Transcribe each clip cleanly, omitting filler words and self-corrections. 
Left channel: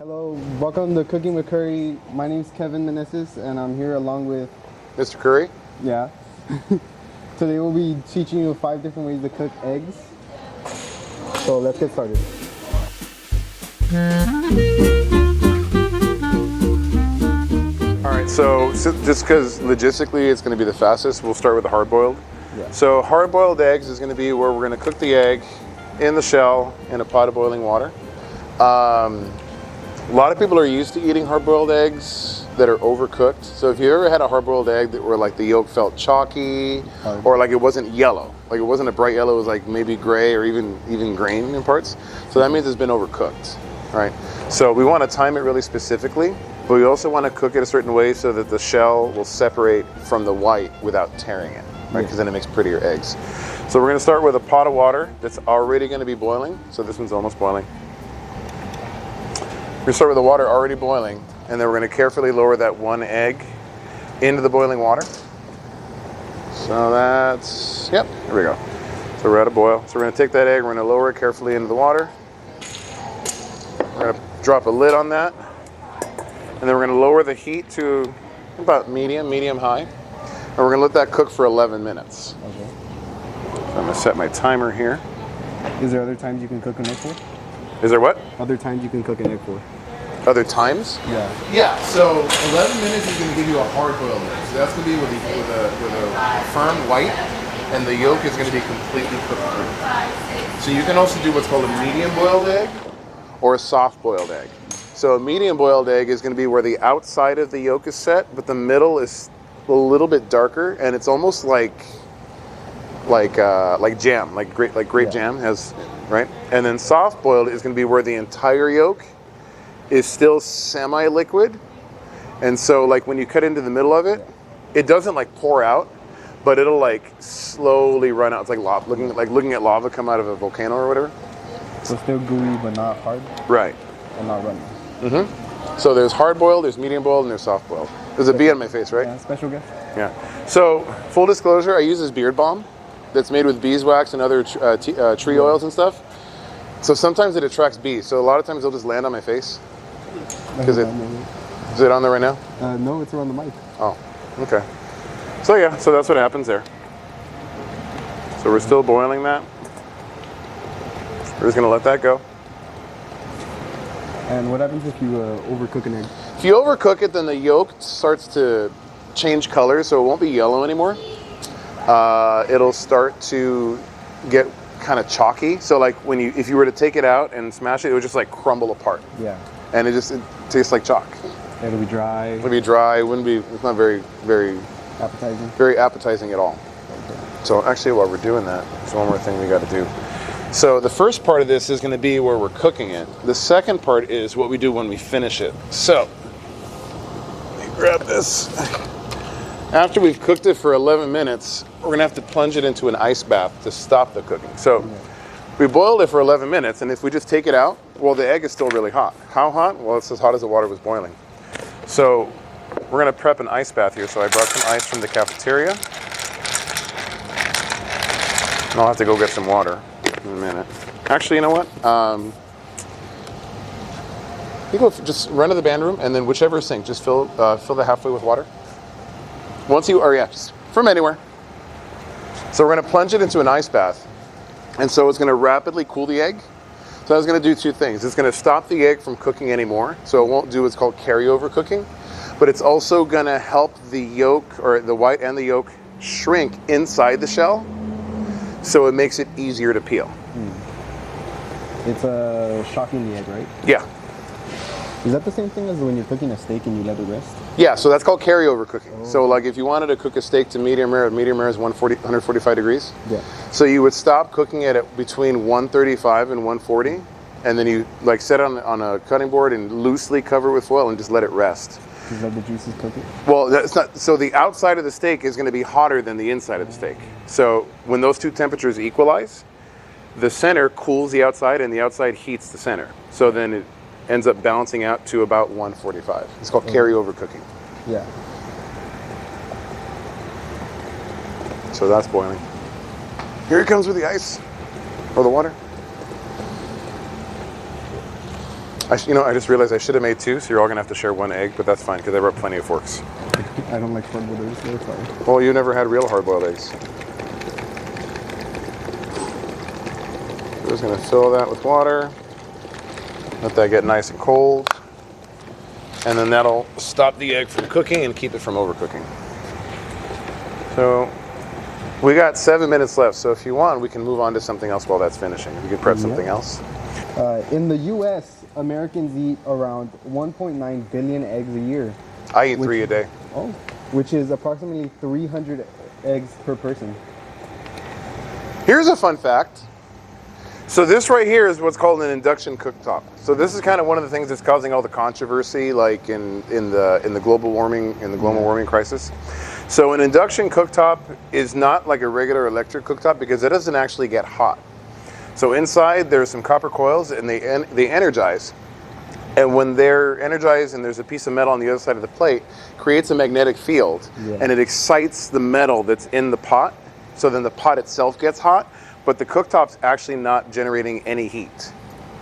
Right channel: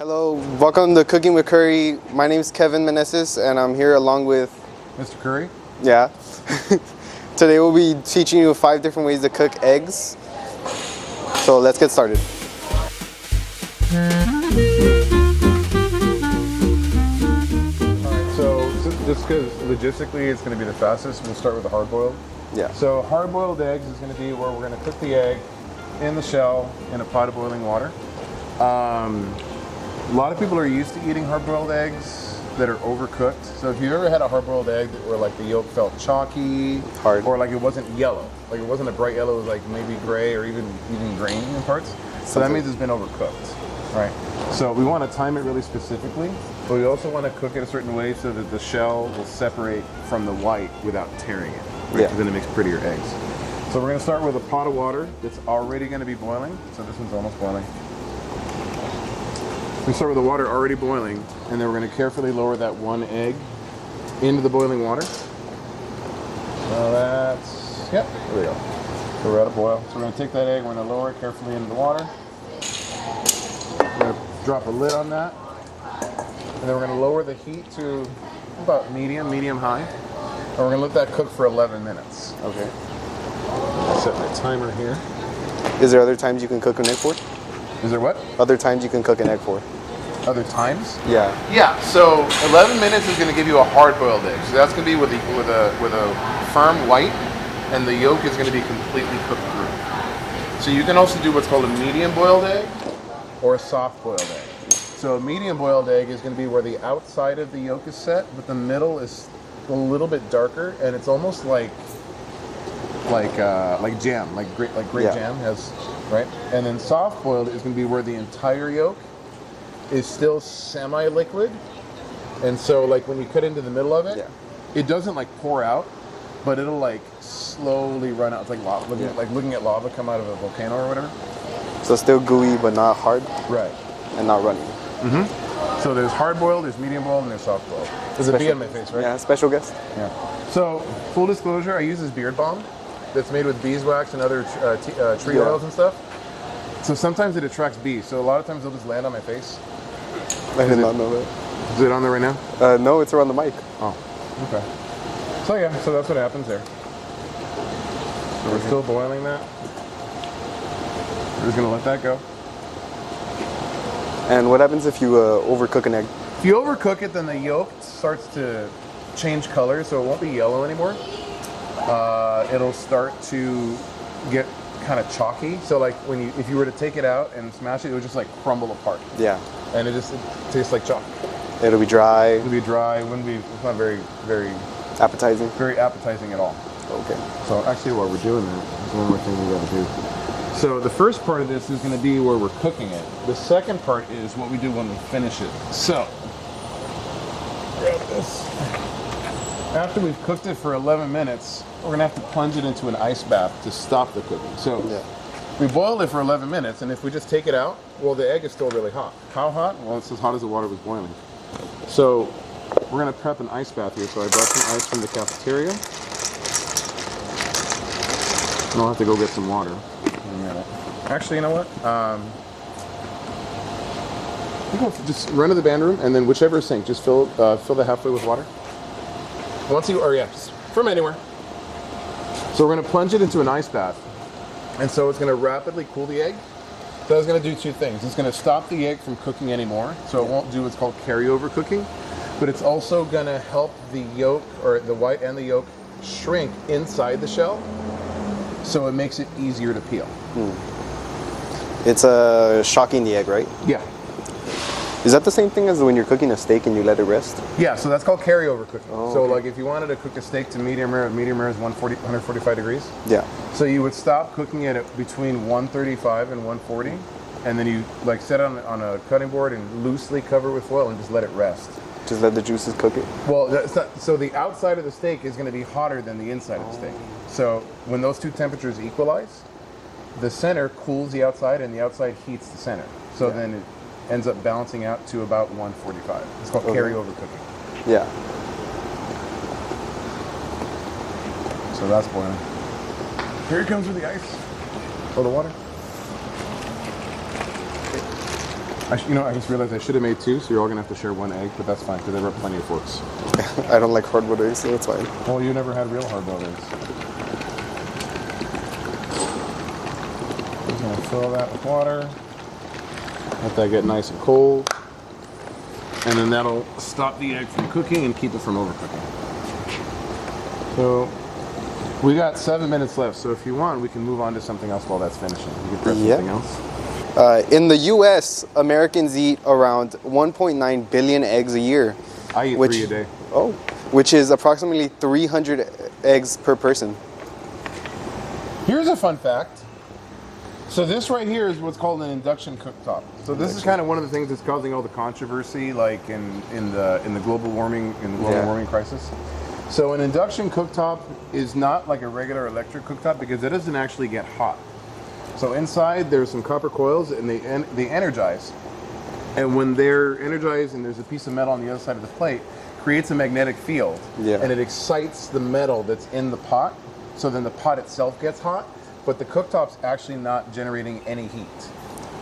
Hello, welcome to Cooking with Curry. My name is Kevin Meneses, and I'm here along with, Mr. Curry? yeah. Today we'll be teaching you 5 different ways to cook eggs. So let's get started. All right, so just because logistically it's going to be the fastest, we'll start with the hard-boiled. Yeah. So hard-boiled eggs is going to be where we're going to cook the egg in the shell in a pot of boiling water. A lot of people are used to eating hard-boiled eggs that are overcooked. So if you ever had a hard-boiled egg where like the yolk felt chalky, Hard. or like it wasn't yellow, like it wasn't a bright yellow, it was like maybe gray or even green in parts. So that means it's been overcooked, right? So we want to time it really specifically, but we also want to cook it a certain way so that the shell will separate from the white without tearing it, right? Because then it makes prettier eggs. So we're going to start with a pot of water that's already going to be boiling. So this one's almost boiling. We're going to start with the water already boiling, and then we're going to carefully lower that one egg into the boiling water. So that's, yep, here we go. So we're at a boil. So we're going to take that egg, we're going to lower it carefully into the water. We're going to drop a lid on that, and then we're going to lower the heat to about medium high. And we're going to let that cook for 11 minutes. Okay. I'm going to set my timer here. Is there other times you can cook an egg for? Is there what? Other times you can cook an egg for? Other times? Yeah. Yeah, so 11 minutes is going to give you a hard-boiled egg. So that's going to be with a firm white, and the yolk is going to be completely cooked through. So you can also do what's called a medium-boiled egg or a soft-boiled egg. So a medium-boiled egg is going to be where the outside of the yolk is set, but the middle is a little bit darker, and it's almost like jam, like grape jam has, right? And then soft-boiled is going to be where the entire yolk is still semi-liquid, and so like when you cut into the middle of it, it doesn't like pour out, but it'll like slowly run out. It's like lava, looking at lava come out of a volcano or whatever. So still gooey but not hard Right. and not runny. So there's hard-boiled, there's medium-boiled, and there's soft-boiled. There's a bee on my face, right? Yeah, special guest. Yeah. So full disclosure, I use this beard balm that's made with beeswax and other tree oils and stuff. So sometimes it attracts bees. So a lot of times they'll just land on my face. I did not know Is it on there right now? that. No, it's around the mic. Oh, okay. So yeah, so that's what happens there. So we're still boiling that. We're just gonna let that go. And what happens if you overcook an egg? If you overcook it, then the yolk starts to change color, so it won't be yellow anymore. It'll start to get kind of chalky. So like if you were to take it out and smash it, it would just like crumble apart. Yeah. And it tastes like chalk. It'll be dry. It'll be dry. It's not very appetizing at all. Okay. So actually, while we're doing that, there's one more thing we got to do. So the first part of this is going to be where we're cooking it. The second part is what we do when we finish it. So grab this. After we've cooked it for 11 minutes, we're going to have to plunge it into an ice bath to stop the cooking. So we boiled it for 11 minutes, and if we just take it out, well, the egg is still really hot. How hot? Well, it's as hot as the water was boiling. So we're going to prep an ice bath here. So I brought some ice from the cafeteria. And I'll have to go get some water in a minute. Actually, you know what? You go just run to the band room, and then whichever sink, just fill the halfway with water. Just from anywhere. So we're going to plunge it into an ice bath, and so it's going to rapidly cool the egg. So it's going to do 2 things. It's going to stop the egg from cooking anymore, so it won't do what's called carryover cooking, but it's also going to help the yolk, or the white and the yolk, shrink inside the shell, so it makes it easier to peel. It's shocking the egg, right? Yeah. Is that the same thing as when you're cooking a steak and you let it rest? Yeah, so that's called carryover cooking. So like if you wanted to cook a steak to medium rare is 145 degrees. Yeah. So you would stop cooking it at between 135 and 140, and then you like set it on a cutting board and loosely cover with foil and just let it rest. Just let the juices cook it? Well, that's not, so the outside of the steak is going to be hotter than the inside of the steak. So when those 2 temperatures equalize, the center cools the outside and the outside heats the center. So then it ends up balancing out to about 145. It's called carryover cooking. Yeah. So that's boiling. Here it comes with the ice or the water. I just realized I should have made 2, so you're all gonna have to share 1 egg, but that's fine because I brought plenty of forks. I don't like hard-boiled eggs, so it's fine. Well, you never had real hard-boiled eggs. We're just gonna fill that with water. Let that get nice and cold. And then that'll stop the egg from cooking and keep it from overcooking. So we got 7 minutes left, so if you want, we can move on to something else while that's finishing. You can prep something else. In the U.S., Americans eat around 1.9 billion eggs a year. I eat 3 a day. Oh, which is approximately 300 eggs per person. Here's a fun fact. So this right here is what's called an induction cooktop. So this is kind of one of the things that's causing all the controversy, like in the global warming warming crisis. So an induction cooktop is not like a regular electric cooktop because it doesn't actually get hot. So inside there's some copper coils and they energize. And when they're energized and there's a piece of metal on the other side of the plate, creates a magnetic field, and it excites the metal that's in the pot. So then the pot itself gets hot, but the cooktop's actually not generating any heat.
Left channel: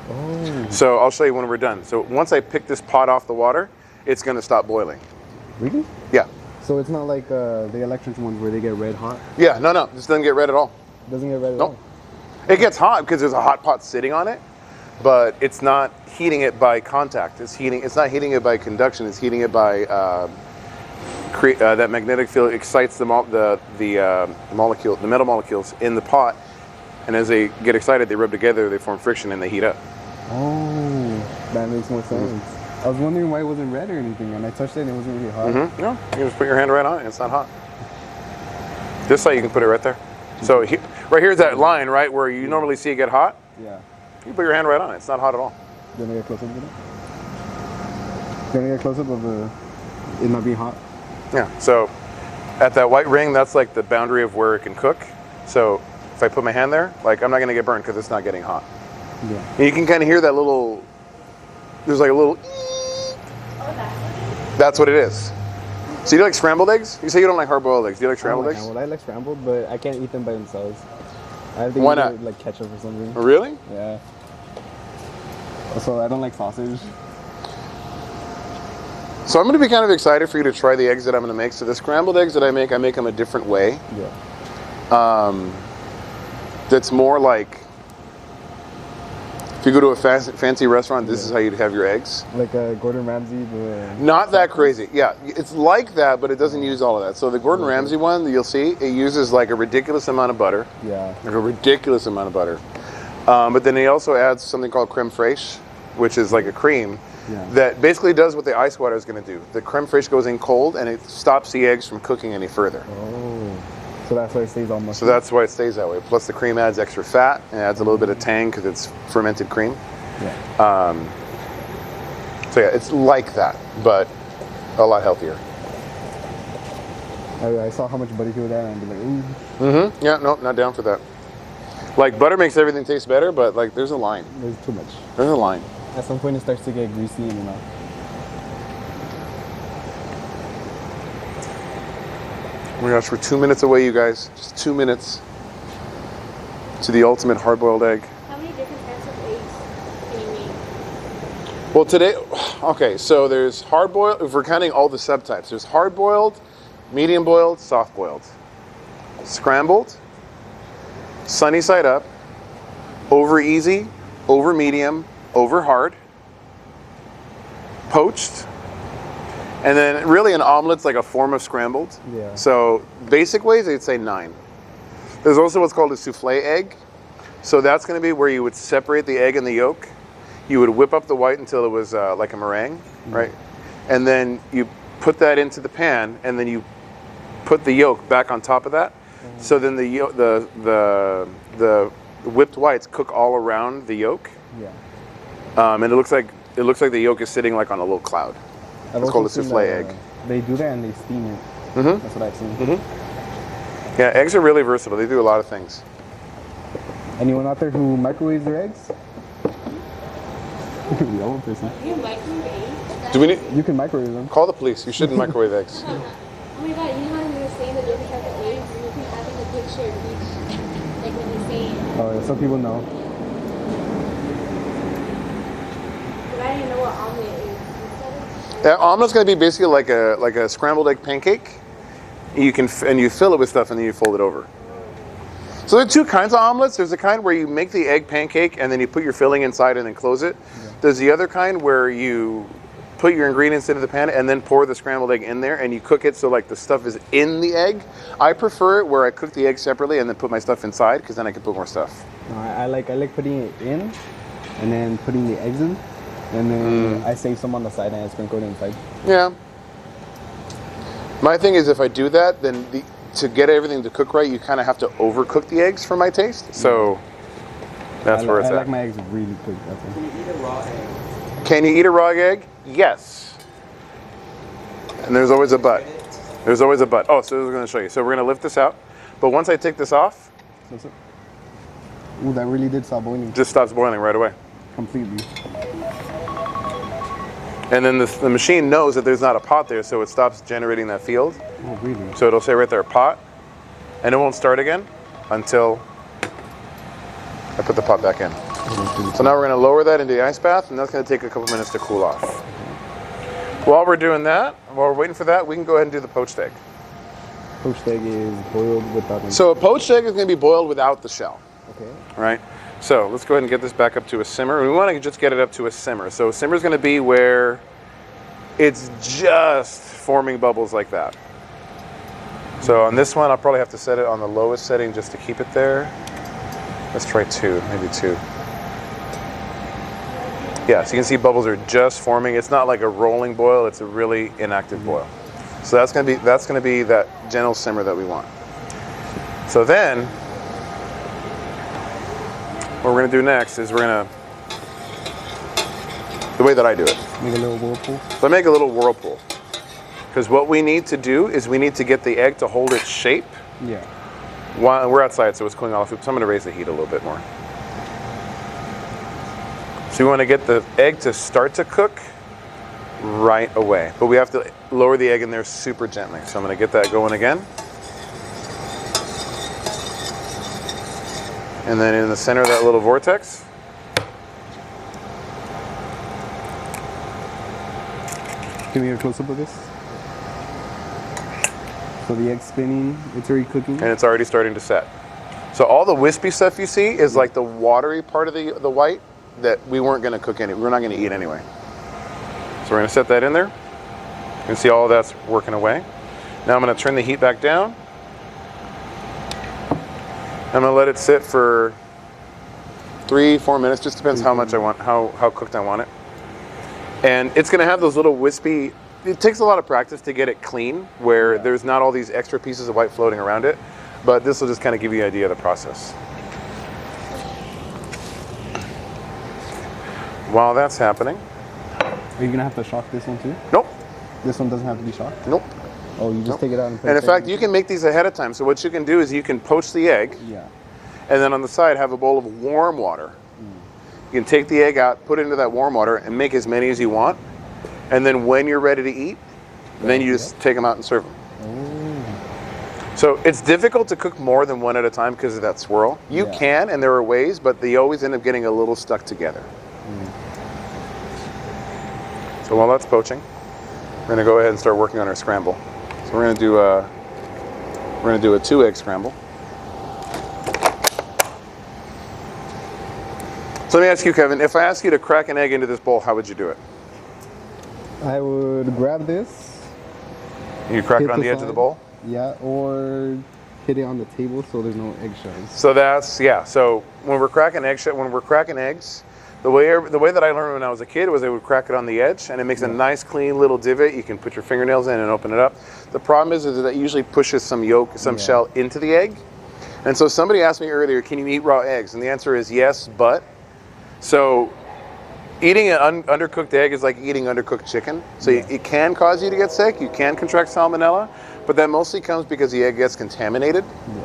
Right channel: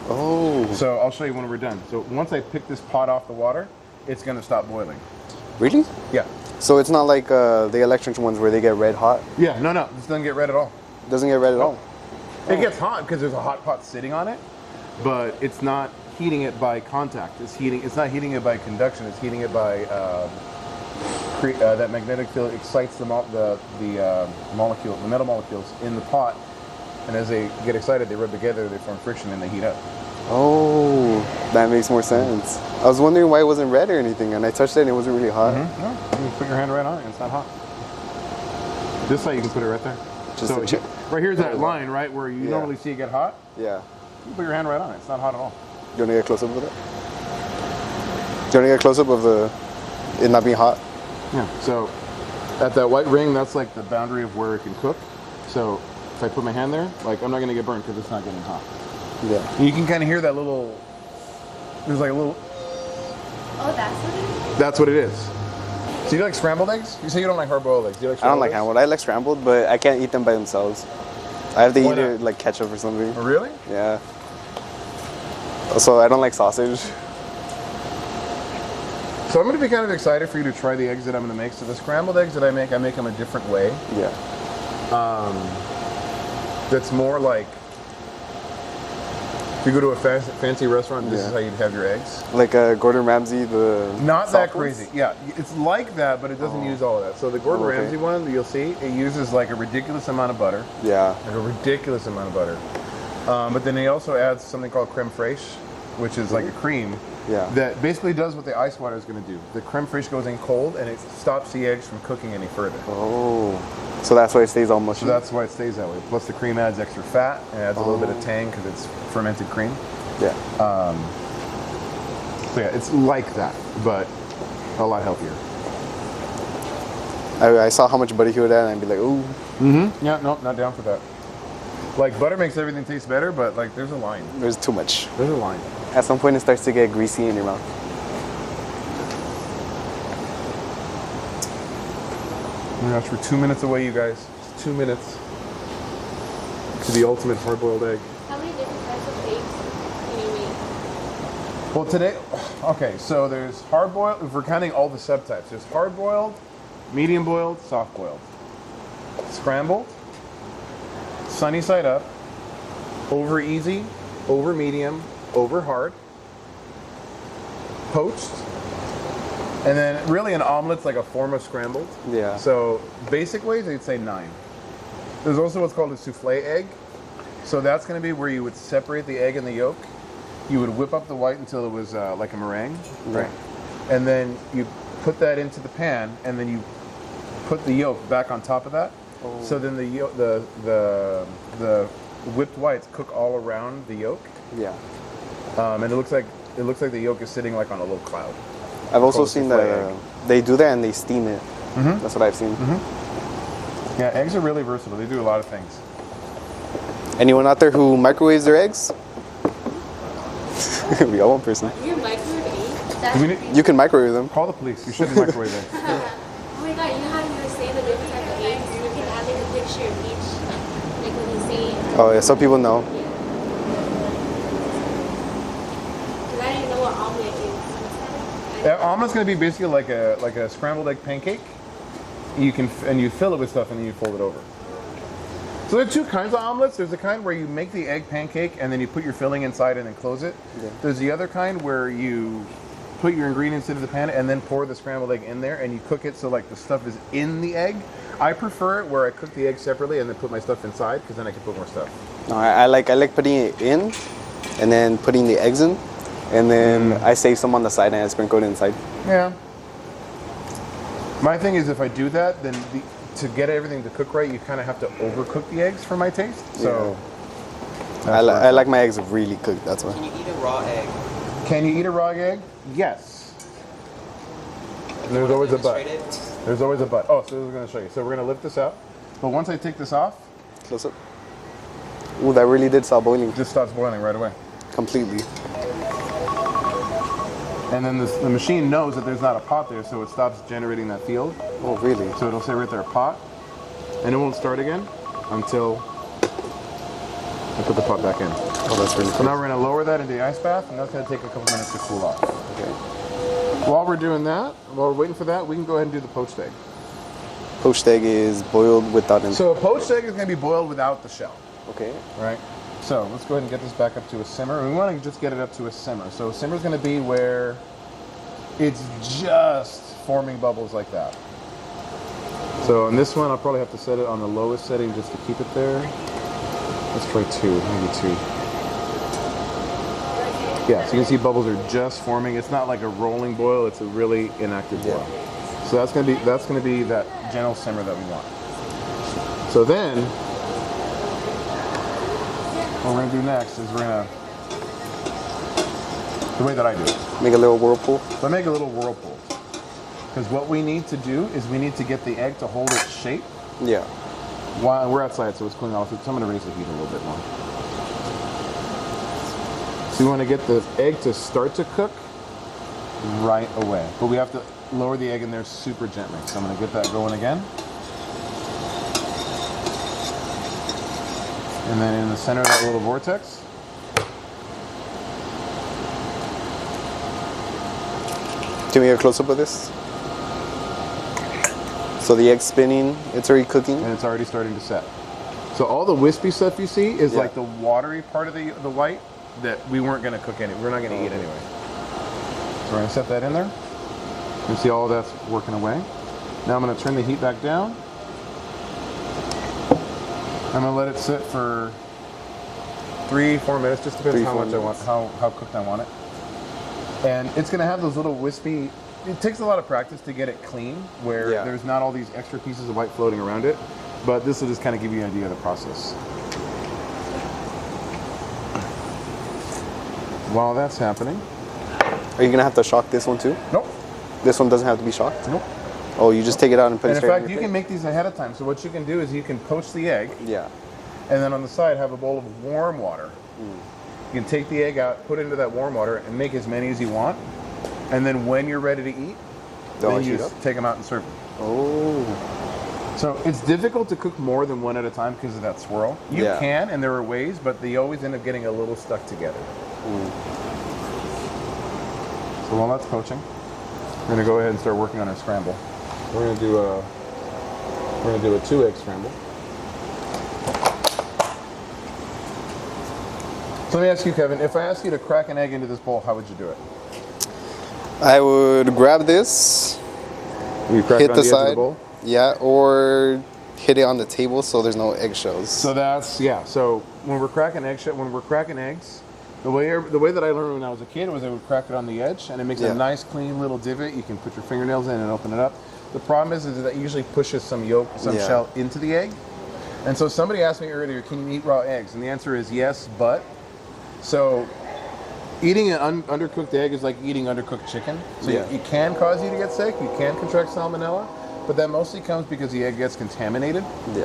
Oh. So I'll show you when we're done. So once I pick this pot off the water, it's gonna stop boiling. Really? Yeah. So it's not like the electric ones where they get red hot? Yeah, no, this doesn't get red at all. Doesn't get red at all? It gets hot because there's a hot pot sitting on it, but it's not heating it by contact. It's not heating it by conduction. It's heating it by that magnetic field excites the metal molecules in the pot, and as they get excited, they rub together, they form friction, and they heat up. Oh, that makes more sense. I was wondering why it wasn't red or anything, and I touched it and it wasn't really hot. No, you can just put your hand right on it. It's not hot. This side, you can put it right there. So right here's that line, right, where you normally see it get hot. Yeah. You put your hand right on it. It's not hot at all. Do you want to get a close-up of it? Do you want to get a close-up of it not being hot? Yeah. So at that white ring, that's like the boundary of where it can cook. So if I put my hand there, like I'm not going to get burned because it's not getting hot. Yeah. And you can kind of hear that little, there's like a little, Oh, that's what it is? that's what it is. So you like scrambled eggs? You say you don't like hard-boiled eggs. Do you like I don't scrambled like eggs? scrambled. I like scrambled, but I can't eat them by themselves. I have to Why eat not? it like ketchup or something. Oh, really? Yeah. Also, I don't like sausage. So I'm going to be kind of excited for you to try the eggs that I'm going to make. So the scrambled eggs that I make them a different way. Yeah. That's more like, if you go to a fancy restaurant, this is how you'd have your eggs. Like Gordon Ramsay, the Not that soft crazy. ones? Yeah, it's like that, but it doesn't use all of that. So the Gordon Ramsay one, you'll see, it uses like a ridiculous amount of butter. Yeah. Like a ridiculous amount of butter. But then he also adds something called creme fraiche, which is like a cream. Yeah. That basically does what the ice water is going to do. The creme fraiche goes in cold and it stops the eggs from cooking any further. Oh. So that's why it stays all mushy. So that's why it stays that way. Plus the cream adds extra fat. It adds a little bit of tang because it's fermented cream. Yeah. So yeah, it's like that, but a lot healthier. I saw how much butter he would add, and I'd be like, ooh. Yeah, no, not down for that. Like butter makes everything taste better, but like there's a line. There's too much. There's a line. At some point, it starts to get greasy in your mouth. Oh my gosh, we're 2 minutes away, you guys. Just 2 minutes to the ultimate hard-boiled egg. How many different types of eggs can you make? Well, today, okay, so there's hard-boiled, if we're counting all the subtypes, there's hard-boiled, medium-boiled, soft-boiled, scrambled, sunny side up, over easy, over medium, over hard, poached, and then really an omelet's like a form of scrambled. Yeah. So basic ways, they'd say 9. There's also what's called a souffle egg. So that's going to be where you would separate the egg and the yolk. You would whip up the white until it was like a meringue, right? And then you put that into the pan, and then you put the yolk back on top of that. So then the whipped whites cook all around the yolk, Yeah. and it looks like the yolk is sitting like on a little cloud. I've It's also called a seen souffle that egg. they do that and they steam it. That's what I've seen. Yeah, eggs are really versatile. They do a lot of things. Anyone out there who microwaves their eggs? We got one person. You can microwave eggs? Do we need, You can microwave them. call the police. You shouldn't microwave eggs. Oh my god, you know how you were saying the different type of eggs? You can add like a picture of each. Like when you say it. Oh yeah, some people know. Because I didn't That omelet's going to be basically like a scrambled egg pancake. You fill it with stuff and then you fold it over. So there are two kinds of omelets. There's the kind where you make the egg pancake and then you put your filling inside and then close it. Yeah. There's the other kind where you put your ingredients into the pan and then pour the scrambled egg in there and you cook it so like the stuff is in the egg. I prefer it where I cook the egg separately and then put my stuff inside because then I can put more stuff. No, I like putting it in, and then putting the eggs in, and then I save some on the side and I sprinkle it inside. Yeah. My thing is if I do that, then to get everything to cook right, you kind of have to overcook the eggs for my taste. So that's where it's I at. like my eggs really cooked. That's why. Can you eat a raw egg? Can you eat a raw egg? Yes. And there's always a but. There's always a but. Oh, so we're going to show you. So we're going to lift this out. But once I take this off, Close up. Ooh, that really did stop boiling it just stops boiling right away. completely. And then the machine knows that there's not a pot there, so it stops generating that field. Oh, really? So it'll say right there, pot, and it won't start again until I put the pot back in. Oh, that's really So cool. now we're going to lower that into the ice bath, and that's going to take a couple minutes to cool off. Okay. While we're doing that, while we're waiting for that, we can go ahead and do the poached egg. Poached egg is boiled without any. So a poached egg is going to be boiled without the shell, Okay. right? So let's go ahead and get this back up to a simmer. We want to just get it up to a simmer. So a simmer is going to be where it's just forming bubbles like that. So on this one, I'll probably have to set it on the lowest setting just to keep it there. Let's try maybe two. Yeah, so you can see bubbles are just forming. It's not like a rolling boil, it's a really inactive boil. So that's gonna be that gentle simmer that we want. So then, what we're gonna do next is the way that I do it. Make a little whirlpool. So I make a little whirlpool. Because what we need to do is we need to get the egg to hold its shape. Yeah. While we're outside, so it's cooling off. So I'm going to raise the heat a little bit more. So we want to get the egg to start to cook right away. But we have to lower the egg in there super gently. So I'm going to get that going again. And then in the center of that little vortex, Can we get a close up of this? So the egg's spinning, it's already cooking. and it's already starting to set. So all the wispy stuff you see is like the watery part of the white that we weren't going to cook any. We're not going to eat anyway. So we're going to set that in there. You can see all of that's working away. Now I'm going to turn the heat back down. I'm going to let it sit for 3-4 minutes. Just depends 3-4 how much I want, how cooked I want it. And it's going to have those little wispy. It takes a lot of practice to get it clean, where Yeah. there's not all these extra pieces of white floating around it. But this will just kind of give you an idea of the process. While that's happening, Are you gonna have to shock this one too? nope, This one doesn't have to be shocked? nope. Oh, you just take it out and put And it in fact, you can make these ahead of time. So what you can do is you can poach the egg, Yeah. and then on the side have a bowl of warm water. You can take the egg out, put it into that warm water, and make as many as you want. And then when you're ready to eat, then you heat just up? take them out and serve them. Oh. So it's difficult to cook more than one at a time because of that swirl. You Yeah. can, and there are ways, but they always end up getting a little stuck together. So while that's poaching, we're gonna go ahead and start working on our scramble. So we're gonna do a 2-egg scramble. So let me ask you, Kevin, if I ask you to crack an egg into this bowl, how would you do it? I would grab this, You crack hit it on the the edge of the side. bowl? Yeah, or hit it on the table so there's no eggshells. So that's, yeah. So when we're cracking eggs, the way that I learned when I was a kid was I would crack it on the edge, and it makes Yeah. a nice, clean little divot. You can put your fingernails in and open it up. The problem is that it usually pushes some Yeah. shell into the egg. And so somebody asked me earlier, can you eat raw eggs? And the answer is yes, but. So eating an undercooked egg is like eating undercooked chicken. So Yeah. it can cause you to get sick. You can contract salmonella, but that mostly comes because the egg gets contaminated. Yeah.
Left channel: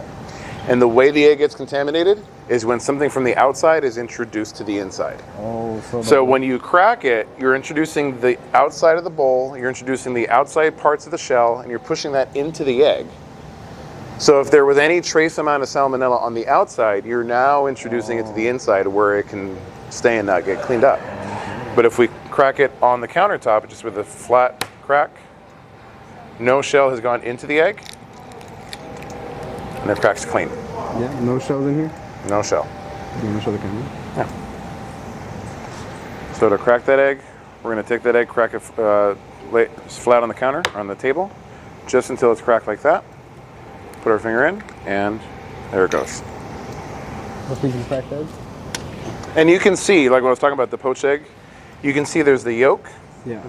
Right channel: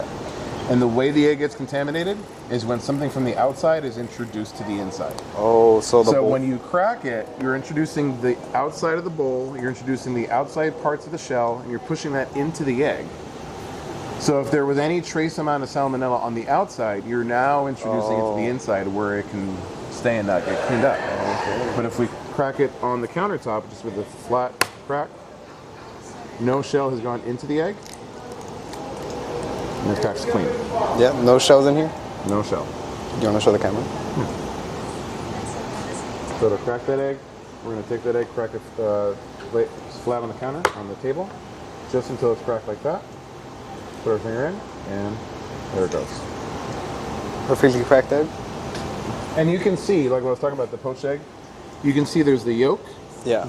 And the way the egg gets contaminated is when something from the outside is introduced to the inside. Oh, so the So bowl- when you crack it, you're introducing the outside of the bowl, you're introducing the outside parts of the shell, and you're pushing that into the egg. So if there was any trace amount of salmonella on the outside, you're now introducing it to the inside where it can stay and not get cleaned up. But if we crack it on the countertop just with a flat crack. No shell has gone into the egg. And the crack's clean. Yeah, no shells in here. No shell. Do you want to show the camera? So to crack that egg, we're going to take that egg, crack it flat on the counter, on the table, just until it's cracked like that. Put our finger in, and there it goes. Perfectly cracked egg. And you can see, like when I was talking about the poached egg, you can see there's the yolk. Yeah.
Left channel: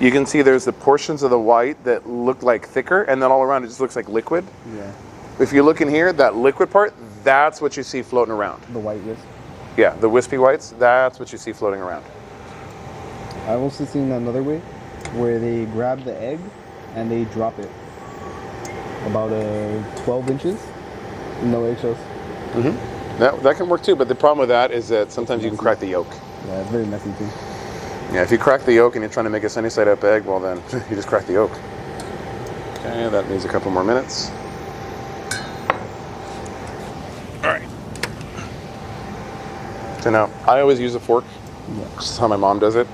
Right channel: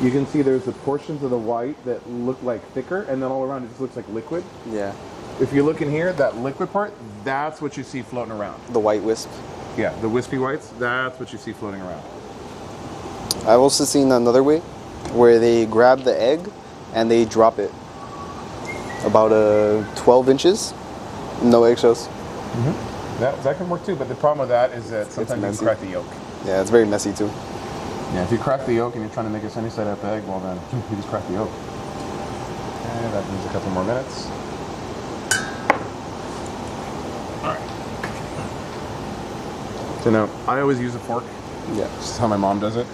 You can see there's the portions of the white that look like thicker, and then all around it just looks like liquid. Yeah. If you look in here, that liquid part, that's what you see floating around. The white wisp. Yeah, the wispy whites, that's what you see floating around. I've also seen another way where they grab the egg and they drop it about 12 inches, no eggshells. That can work too, but the problem with that is that sometimes you can messy. crack the yolk. Yeah, it's very messy too. Yeah, if you crack the yolk and you're trying to make a sunny side up egg, well then you just crack the yolk. Okay, that needs a couple more minutes. All right. So now, I always use a fork. Yeah. This is how my mom does it.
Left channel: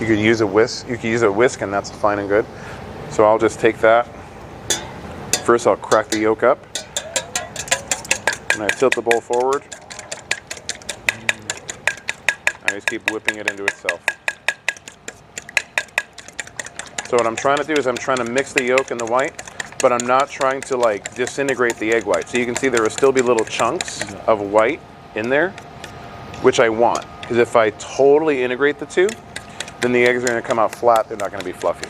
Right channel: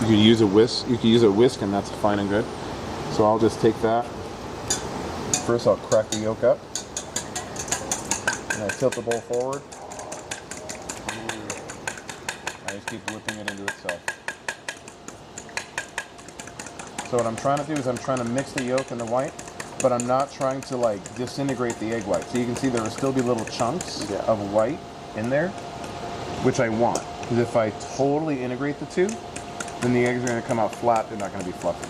You could use a whisk. You could use a whisk, and that's fine and good. So I'll just take that. First, I'll crack the yolk up, and I tilt the bowl forward. I just keep whipping it into itself. So what I'm trying to do is I'm trying to mix the yolk and the white, but I'm not trying to like disintegrate the egg white. So you can see there will still be little chunks of white in there, which I want. Because if I totally integrate the two, then the eggs are going to come out flat. They're not going to be fluffy.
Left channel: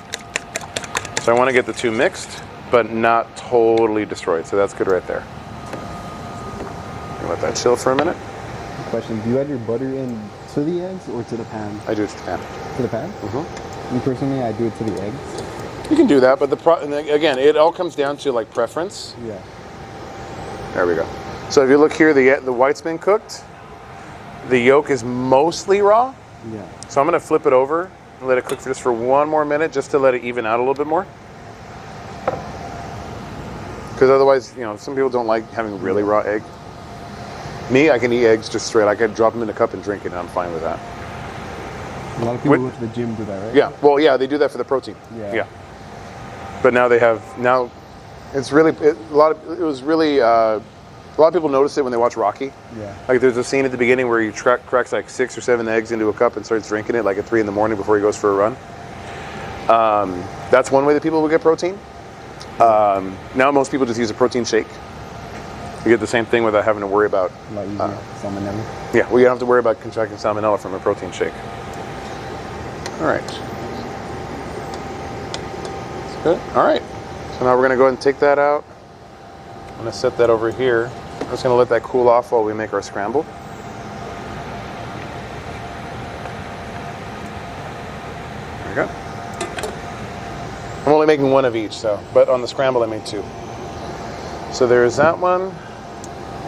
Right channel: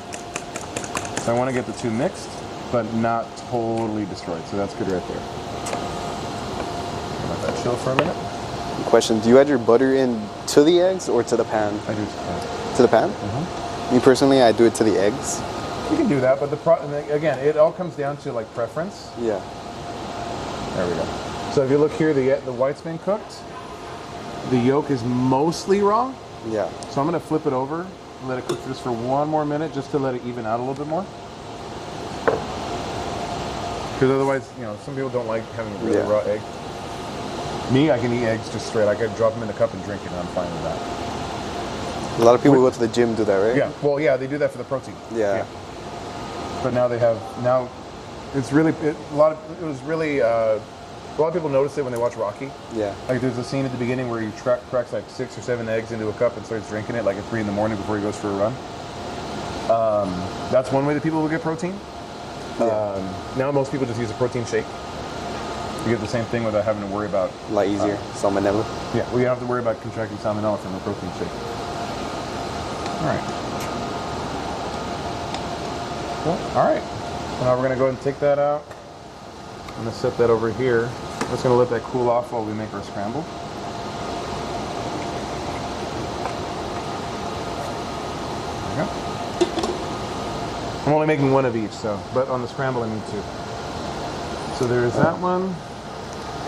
So I want to get the two mixed, but not totally destroyed. So that's good right there. Let that chill for a minute. Question: do you add your butter in to the eggs or to the pan? I do it to the pan. To the pan? Me personally, I do it to the eggs. You can do that, but again, it all comes down to like preference. Yeah. There we go. So if you look here, the white's been cooked. The yolk is mostly raw. Yeah. So I'm going to flip it over and let it cook just for one more minute, just to let it even out a little bit more. Because otherwise, you know, some people don't like having a really raw egg. Me, I can eat eggs just straight. I can drop them in a cup and drink it, and I'm fine with that. A lot of people go to the gym do that, right? Yeah. Well, yeah, they do that for the protein. Yeah. But now they have it's really a lot of people notice it when they watch Rocky. Yeah. Like there's a scene at the beginning where he cracks like 6 or 7 eggs into a cup and starts drinking it like at 3 in the morning before he goes for a run. That's one way that people will get protein. Now most people just use a protein shake. You get the same thing without having to worry about A lot easier. Salmonella. Yeah, we don't have to worry about contracting salmonella from a protein shake. All right. Good. All right. So now we're going to go ahead and take that out. I'm going to set that over here. I'm just going to let that cool off while we make our scramble. There we go. I'm only making one of each, but on the scramble I made 2. So there's that one.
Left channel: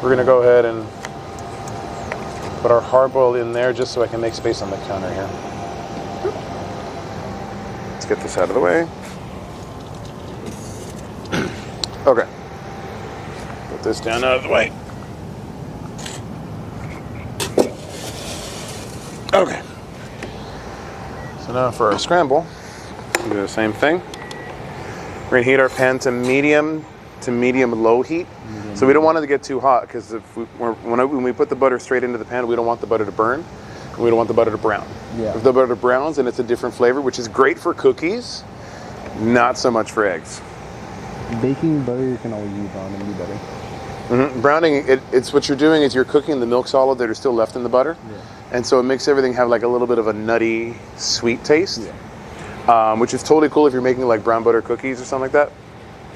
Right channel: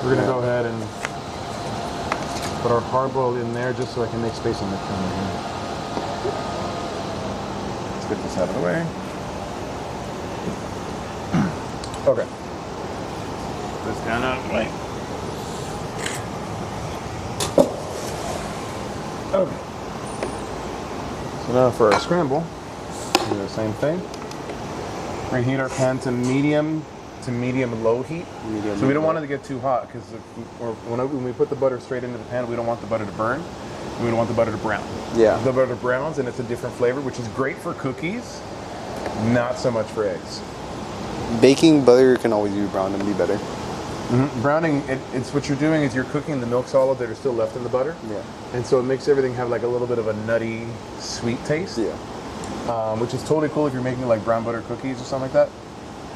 We're going to go ahead and put our hard boiled in there just so I can make space on the counter here. Let's get this out of the way. Okay. Put this down out of the way. Okay. So now for our scramble, we do the same thing. We're going to heat our pan to medium low heat. So we don't want it to get too hot, because when we put the butter straight into the pan, we don't want the butter to burn, and we don't want the butter to brown. Yeah. If the butter browns, and it's a different flavor, which is great for cookies, not so much for eggs. Baking butter can always be brown and be better. Browning, it's what you're doing is you're cooking the milk solid that are still left in the butter. Yeah. And so it makes everything have like a little bit of a nutty, sweet taste. Yeah. Which is totally cool if you're making like brown butter cookies or something like that.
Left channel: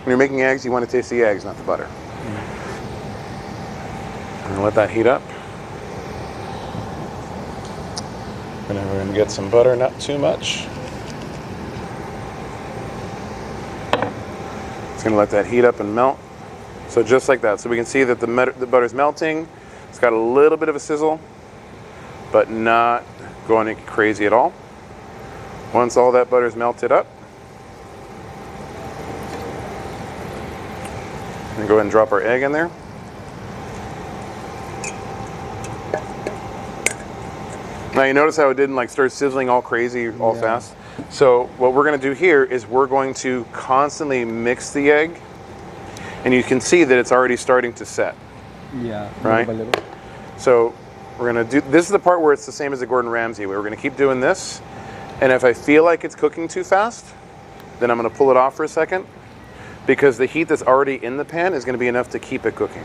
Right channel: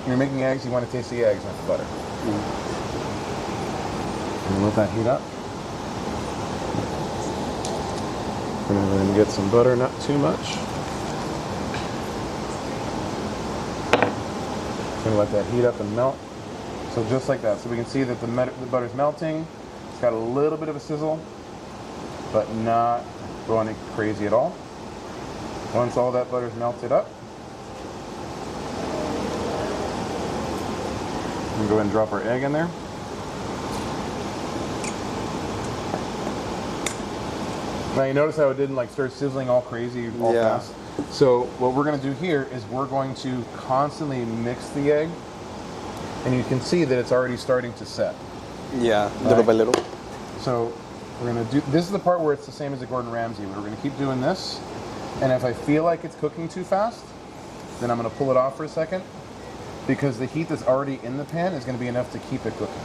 When you're making eggs, you want to taste the eggs, not the butter. And let that heat up. And we're going to get some butter, not too much. Just going to let that heat up and melt. So just like that. So we can see that the butter's melting. It's got a little bit of a sizzle, but not going crazy at all. Once all that butter's melted up, and go ahead and drop our egg in there. Now you notice how it didn't like start sizzling all crazy all Yeah. fast? So what we're gonna do here is we're going to constantly mix the egg, and you can see that it's already starting to set. Yeah, Right. little by little. So we're gonna do, this is the part where it's the same as the Gordon Ramsay. We're gonna keep doing this, and if I feel like it's cooking too fast, then I'm gonna pull it off for a second, because the heat that's already in the pan is gonna be enough to keep it cooking.